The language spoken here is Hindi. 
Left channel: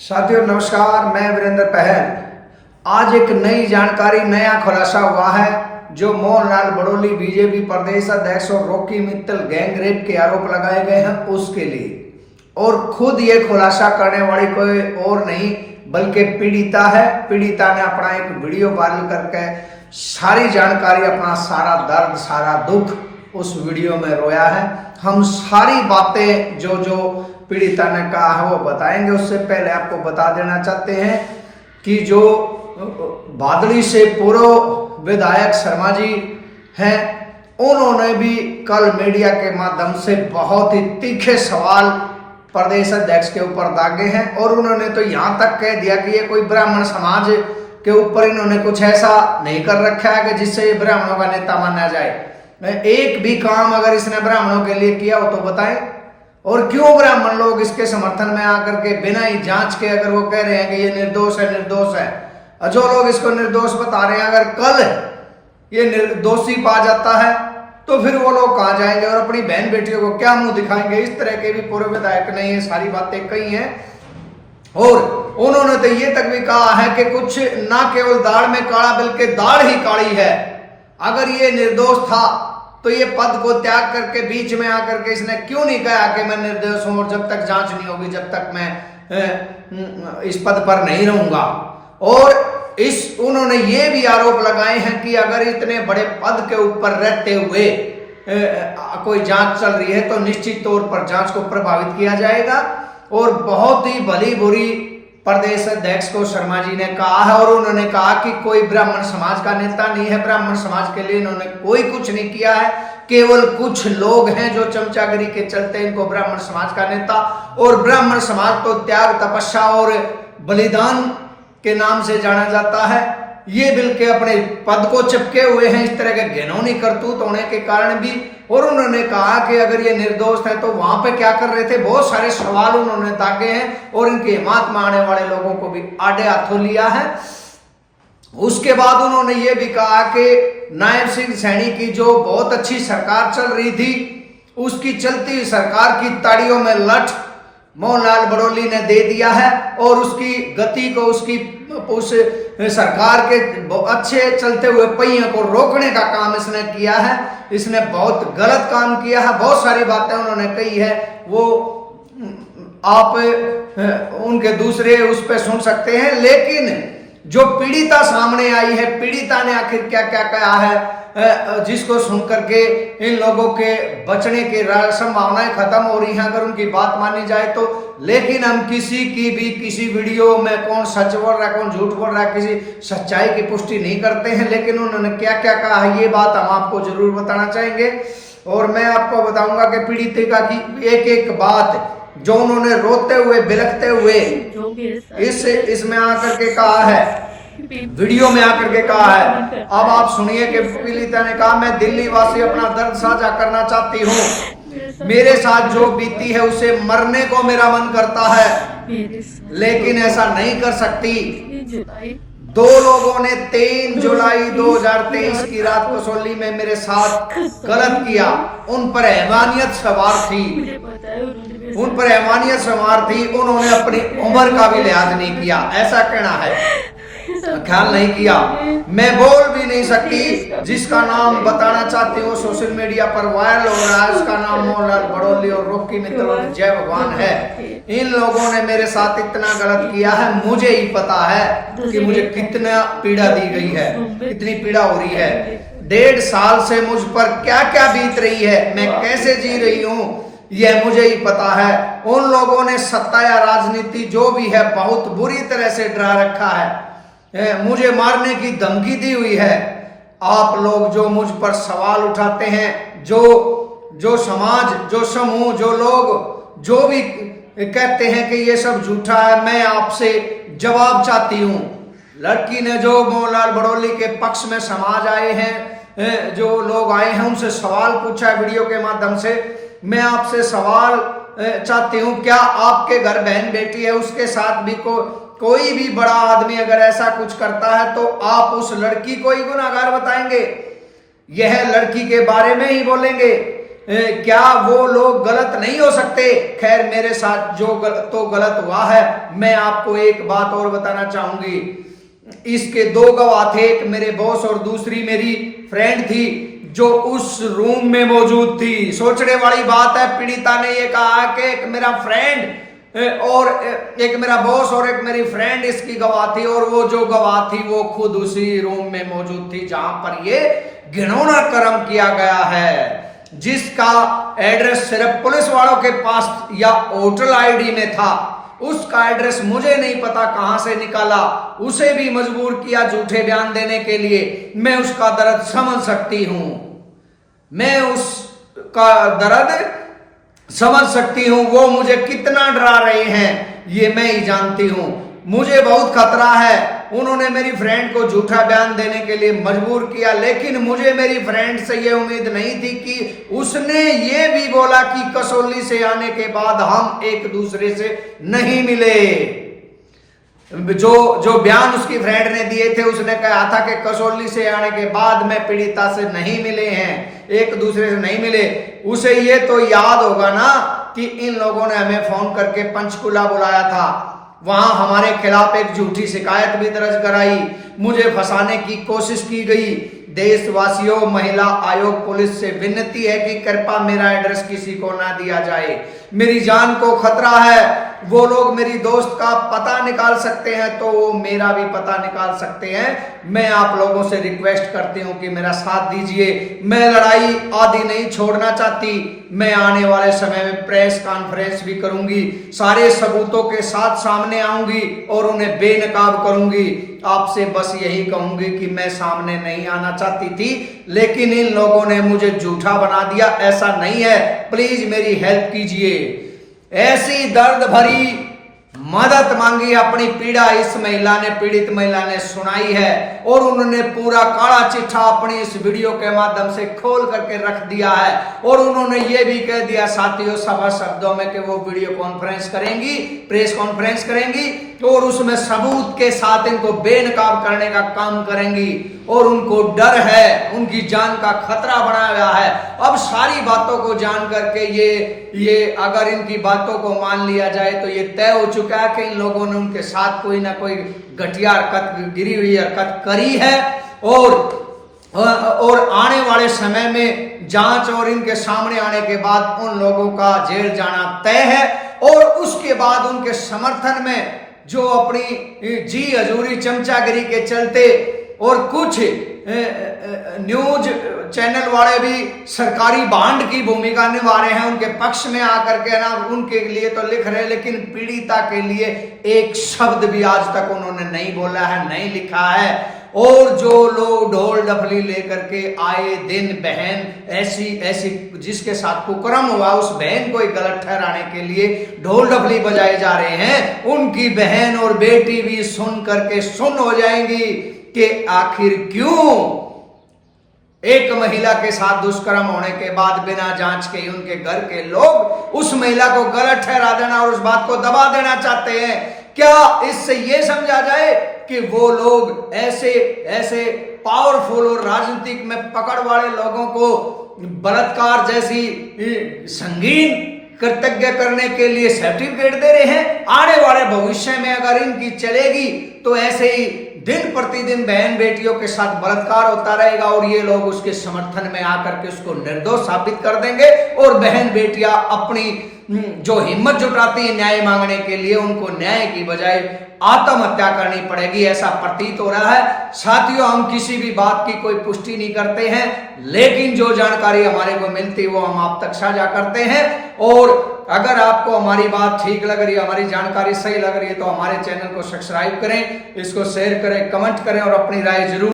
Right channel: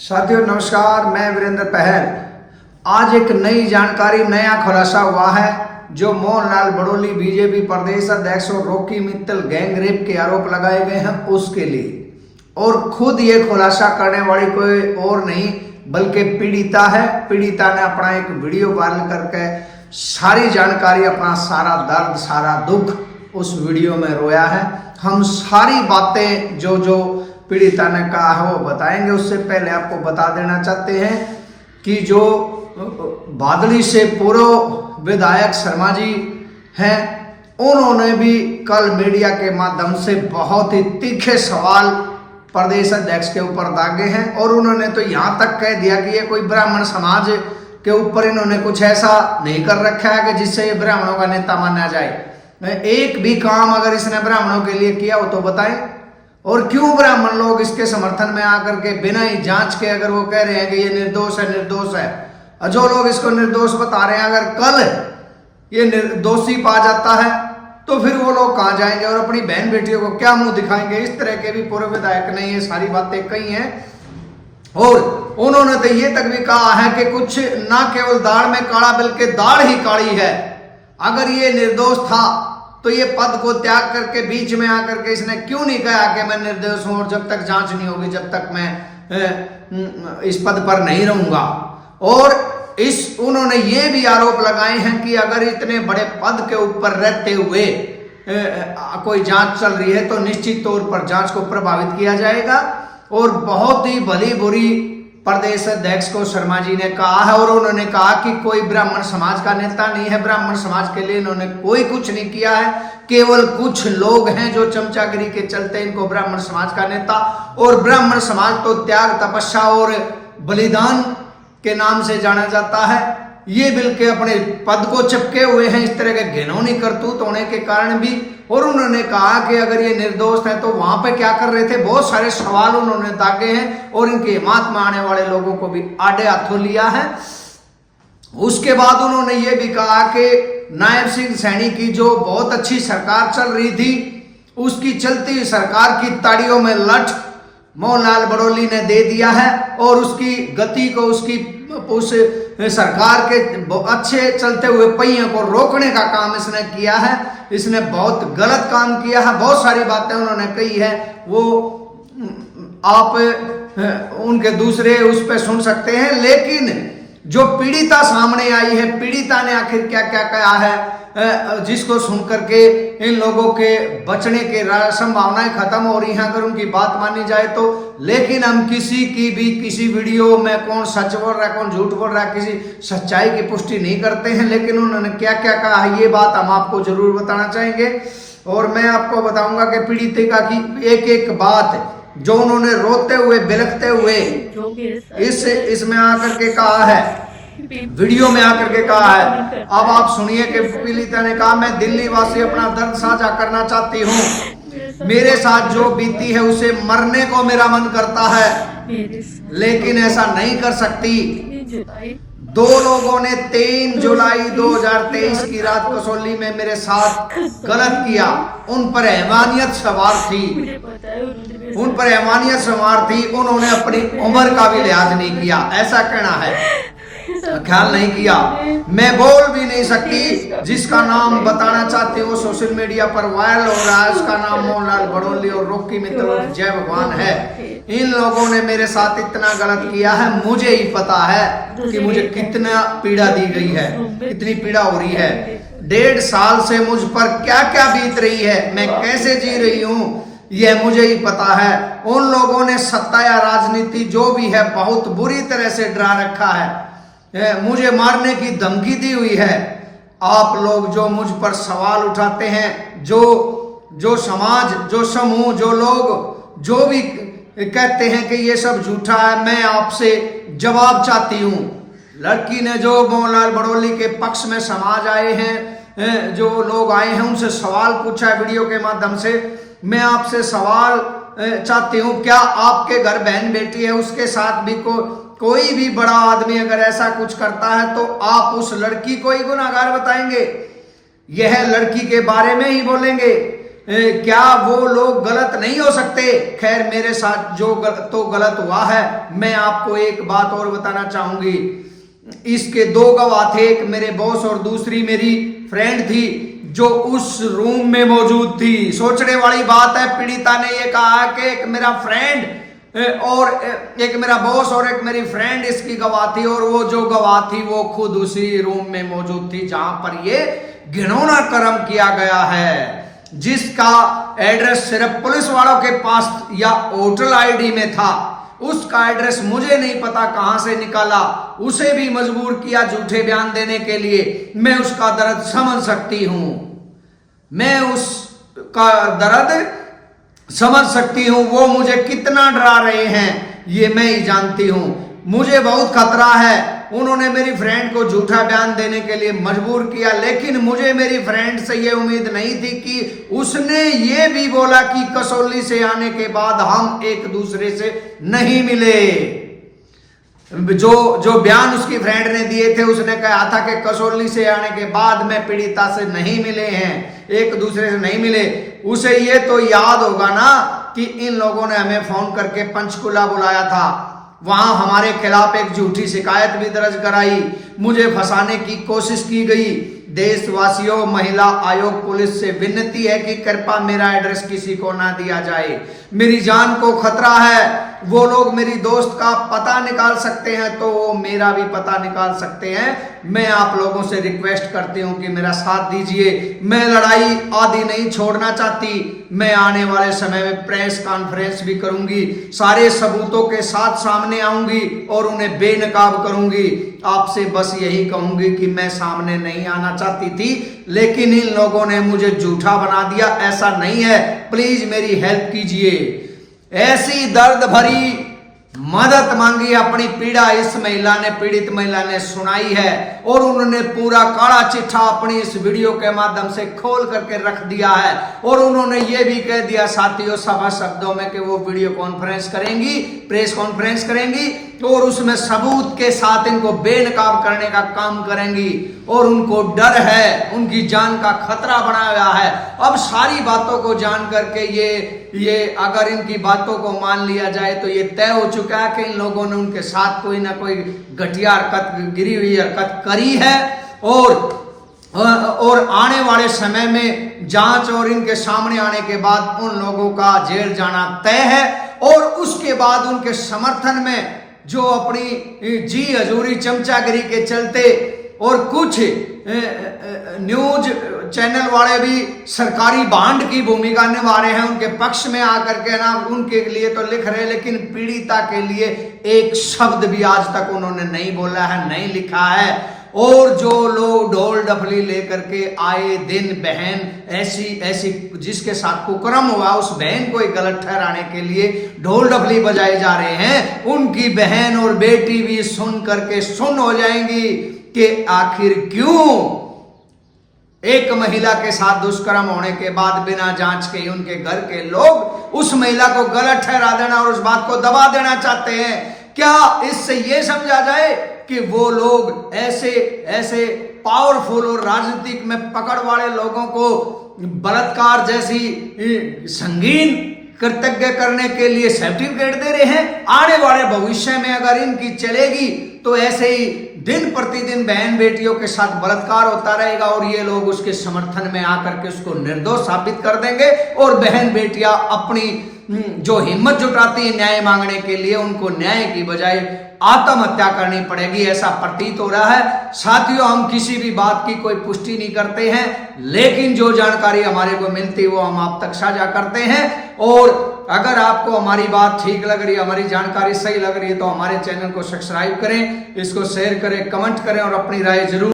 साथियों नमस्कार, मैं वीरेंद्र पहल। आज एक नई जानकारी, नया खुलासा हुआ है जो मोहनलाल बड़ोली बीजेपी प्रदेश अध्यक्ष और रॉकी मित्तल गैंग रेप के आरोप लगाए गए हैं उसके लिए। और खुद ये खुलासा करने वाली कोई और नहीं बल्कि पीड़िता है। पीड़िता ने अपना एक वीडियो वायरल करके सारी जानकारी, अपना सारा दर्द, सारा दुख उस वीडियो में रोया है। हम सारी बातें जो पीड़िता ने कहा है वो बताएंगे। उससे पहले आपको बता देना चाहते हैं कि जो बादली से पूर्व विधायक शर्मा जी हैं, उन्होंने भी कल मीडिया के माध्यम से बहुत ही तीखे सवाल प्रदेश अध्यक्ष के ऊपर दागे हैं। और उन्होंने तो यहाँ तक कह दिया कि ये कोई ब्राह्मण समाज के ऊपर इन्होंने कुछ ऐसा नहीं कर रखा है कि जिससे ये ब्राह्मणों का नेता माना जाए। एक भी काम अगर इसने ब्राह्मणों के लिए किया हो तो बताएं। और क्यों ब्राह्मण लोग इसके समर्थन में आकर के बिना ही जांच के अगर वो कह रहे हैं कि ये निर्दोष है, निर्दोष है, जो लोग इसको निर्दोष बता रहे हैं, अगर कल ये निर्दोषी पा जाता है तो फिर वो लोग कहाँ जाएंगे और अपनी बहन बेटियों को क्या मुंह दिखाएंगे। इस तरह के भी पूर्व विधायक ने ये सारी बातें कही हैं। और उन्होंने तो ये तक भी कहा है कि कुछ ना केवल दाढ़ में काला बल्कि दाढ़ ही काली है। अगर ये निर्दोष था तो ये पद को त्याग करके बीच में आकर के इसने क्यों नहीं कहा कि मैं निर्दोष हूं और जब तक जांच नहीं होगी जब तक मैं इस पद पर नहीं रहूंगा। और उन्होंने ये भी आरोप लगाए हैं कि अगर इतने बड़े पद के ऊपर रहते हुए कोई जांच चल रही है तो निश्चित तौर पर जांच को प्रभावित किया जाएगा। और बहुत ही भली बुरी प्रदेश अध्यक्ष को शर्मा जी ने कहा है। और उन्होंने कहा कि कोई ब्राह्मण समाज का नेता नहीं है, ब्राह्मण समाज के लिए इन्होंने कोई कुछ नहीं किया है, केवल कुछ लोग हैं जो चमचागिरी के चलते इनको ब्राह्मण समाज का नेता। और ब्राह्मण समाज तो त्याग, तपस्या और बलिदान के नाम से जाना जाता है। ये बिल्कुल अपने पद को चिपके हुए हैं इस तरह के घिनौनी करतूत होने के कारण भी। और उन्होंने कहा कि अगर ये निर्दोष है तो वहां पे क्या कर रहे थे। बहुत सारे सवाल उन्होंने दागे हैं और इनके हिमात में आने वाले लोगों को भी आड़े हाथों लिया है। उसके बाद उन्होंने ये भी कहा कि नायब सिंह सैनी की जो बहुत अच्छी सरकार चल रही थी, उसकी चलती सरकार की ताड़ियों में लठ मोहनलाल बड़ोली ने दे दिया है। और उसकी गति को, उस सरकार के अच्छे चलते हुए पहियों को रोकने का काम इसने किया है। इसने बहुत गलत काम किया है। बहुत सारी बातें उन्होंने कही है, वो आप उनके दूसरे उस पर सुन सकते हैं। लेकिन जो पीड़िता सामने आई है, पीड़िता ने आखिर क्या क्या कहा है, जिसको सुनकर के इन लोगों के बचने की संभावनाएं खत्म हो रही हैं अगर उनकी बात मानी जाए तो। लेकिन हम किसी की भी किसी वीडियो में कौन सच बोल रहा है कौन झूठ बोल रहा है, किसी सच्चाई की पुष्टि नहीं करते हैं। लेकिन उन्होंने क्या क्या कहा है ये बात हम आपको जरूर बताना चाहेंगे। और मैं आपको बताऊंगा कि पीड़िता की एक एक बात जो उन्होंने रोते हुए, बिलखते हुए इसमें आकर के कहा है, वीडियो में आकर के कहा है। अब आप सुनिए कि पीड़िता ने कहा, मैं दिल्ली वासी अपना दर्द साझा करना चाहती हूँ। मेरे साथ जो बीती है उसे मरने को मेरा मन करता है लेकिन ऐसा नहीं कर सकती। दो लोगों ने 3 जुलाई 2023 की रात कसौली में मेरे साथ गलत किया। उन पर हैवानियत सवार थी। उन्होंने अपनी उम्र का भी लिहाज नहीं किया, ऐसा कहना है, ख्याल नहीं किया। मैं बोल भी नहीं सकती। जिसका नाम बताना चाहती हूँ सोशल मीडिया पर वायरल हो रहा है, उसका नाम मोहनलाल बड़ोली और रॉकी मित्तल और जय भगवान है। इन लोगों ने मेरे साथ इतना गलत किया है, मुझे ही पता है कि मुझे कितना पीड़ा दी गई है, कितनी पीड़ा हो रही है। 1.5 साल से मुझ पर क्या क्या बीत रही है, मैं कैसे जी रही हूँ, यह मुझे ही पता है। उन लोगों ने सत्ता या राजनीति जो भी है बहुत बुरी तरह से डरा रखा है, मुझे मारने की धमकी दी हुई है। आप लोग जो मुझ पर सवाल उठाते हैं, जो समाज, जो समूह, जो लोग जो भी कहते हैं कि ये सब झूठा है, मैं आपसे जवाब चाहती हूँ। लड़की ने जो मोहनलाल बड़ोली के पक्ष में समाज आए हैं, जो लोग आए हैं, उनसे सवाल पूछा है वीडियो के माध्यम से। मैं आपसे सवाल चाहती हूँ, क्या आपके घर बहन बेटी है, उसके साथ भी कोई भी बड़ा आदमी अगर ऐसा कुछ करता है तो आप उस लड़की को ही गुनाहगार बताएंगे? यह लड़की के बारे में ही बोलेंगे क्या वो लोग गलत नहीं हो सकते? खैर, मेरे साथ जो तो गलत हुआ है। मैं आपको एक बात और बताना चाहूंगी। इसके दो गवाह थे, एक मेरे बॉस और दूसरी मेरी फ्रेंड थी जो उस रूम में मौजूद थी। सोचने वाली बात है, पीड़िता ने यह कहा कि एक मेरा फ्रेंड और एक मेरा बॉस और एक मेरी फ्रेंड इसकी गवाह थी, और वो जो गवाह थी वो खुद उसी रूम में मौजूद थी जहां पर ये घिनौना कर्म किया गया है, जिसका एड्रेस सिर्फ पुलिस वालों के पास या होटल आईडी में था। उसका एड्रेस मुझे नहीं पता कहां से निकाला, उसे भी मजबूर किया झूठे बयान देने के लिए। मैं उसका दर्द समझ सकती हूं, मैं उसका दर्द समझ सकती हूं। वो मुझे कितना डरा रहे हैं ये मैं ही जानती हूं। मुझे बहुत खतरा है। उन्होंने मेरी फ्रेंड को झूठा बयान देने के लिए मजबूर किया, लेकिन मुझे मेरी फ्रेंड से ये उम्मीद नहीं थी कि उसने ये भी बोला कि कसौली से आने के बाद हम एक दूसरे से नहीं मिले। जो बयान उसकी फ्रेंड ने दिए थे, उसने कहा था कि कसौली से आने के बाद में पीड़िता से नहीं मिले हैं, एक दूसरे से नहीं मिले। उसे ये तो याद होगा ना कि इन लोगों ने हमें फोन करके पंचकुला बुलाया था, वहां हमारे खिलाफ एक झूठी शिकायत भी दर्ज कराई, मुझे फंसाने की कोशिश की गई। देशवासियों, महिला आयोग पुलिस से विनती है कि कृपया मेरा एड्रेस किसी को ना दिया जाए। मेरी जान को खतरा है। वो लोग मेरी दोस्त का पता निकाल सकते हैं तो वो मेरा भी पता निकाल सकते हैं। मैं आप लोगों से रिक्वेस्ट करती हूं कि मेरा साथ दीजिए। मैं लड़ाई आदि नहीं छोड़ना चाहती। मैं आने वाले समय में प्रेस कॉन्फ्रेंस भी करूंगी, सारे सबूतों के साथ सामने आऊंगी और उन्हें बेनकाब करूंगी। आपसे बस यही कहूंगी कि मैं सामने नहीं आना चाहती थी, लेकिन इन लोगों ने मुझे झूठा बना दिया। ऐसा नहीं है, प्लीज मेरी हेल्प कीजिए। ऐसी दर्द भरी मदद मांगी, अपनी पीड़ा इस महिला ने, पीड़ित महिला ने सुनाई है, और उन्होंने पूरा काला चिट्ठा अपनी इस वीडियो के माध्यम से खोल करके रख दिया है। और उन्होंने ये भी कह दिया साथियों, सभा शब्दों में, कि वो वीडियो कॉन्फ्रेंस करेंगी, प्रेस कॉन्फ्रेंस करेंगी और उसमें सबूत के साथ इनको बेनकाब करने का काम करेंगी। और उनको डर है, उनकी जान का खतरा बना हुआ है। अब सारी बातों को जान करके ये अगर इनकी बातों को मान लिया जाए तो ये तय हो चुका है कि इन लोगों ने उनके साथ कोई ना कोई घटिया हरकत, गिरी हुई हरकत करी है। और आने वाले समय में जांच और इनके सामने आने के बाद उन लोगों का जेल जाना तय है। और उसके बाद उनके समर्थन में जो अपनी जी हजूरी, चमचागिरी के चलते और कुछ न्यूज चैनल वाले भी सरकारी बांड की भूमिका निभा रहे हैं, उनके पक्ष में आकर के ना उनके लिए तो लिख रहे हैं, लेकिन पीड़िता के लिए एक शब्द भी आज तक उन्होंने नहीं बोला है, नहीं लिखा है। और जो लोग ढोल डफली लेकर के आए दिन बहन ऐसी जिसके साथ कुकर्म हुआ उस बहन को गलत ठहराने के लिए ढोल डफली बजाए जा रहे हैं, उनकी बहन और बेटी भी सुन करके सुन हो जाएंगी कि आखिर क्यों एक महिला के साथ दुष्कर्म होने के बाद बिना जांच के उनके घर के लोग उस महिला को गलत ठहरा देना और उस बात को दबा देना चाहते हैं। क्या इससे यह समझा जाए कि वो लोग ऐसे पावरफुल और राजनीतिक में पकड़ वाले लोगों को बलात्कार जैसी संगीन कृतज्ञ करने के लिए सर्टिफिकेट दे रहे हैं? आने वाले भविष्य में अगर इनकी चलेगी तो ऐसे ही दिन प्रतिदिन बहन बेटियों के साथ बलात्कार होता रहेगा और ये लोग उसके समर्थन में आकर के उसको निर्दोष साबित कर देंगे। और बहन बेटियां अपनी जो हिम्मत जुटाती है न्याय मांगने के लिए, उनको न्याय की बजाय आत्महत्या करनी पड़ेगी, ऐसा प्रतीत हो रहा है। साथियों, हम किसी भी बात की कोई पुष्टि नहीं करते हैं, लेकिन जो जानकारी हमारे को मिलती है वो हम आप तक साझा करते हैं। और अगर आपको हमारी बात ठीक लग रही है, हमारी जानकारी सही लग रही है, तो हमारे चैनल को सब्सक्राइब करें, इसको शेयर करें, कमेंट करें और अपनी राय जरूर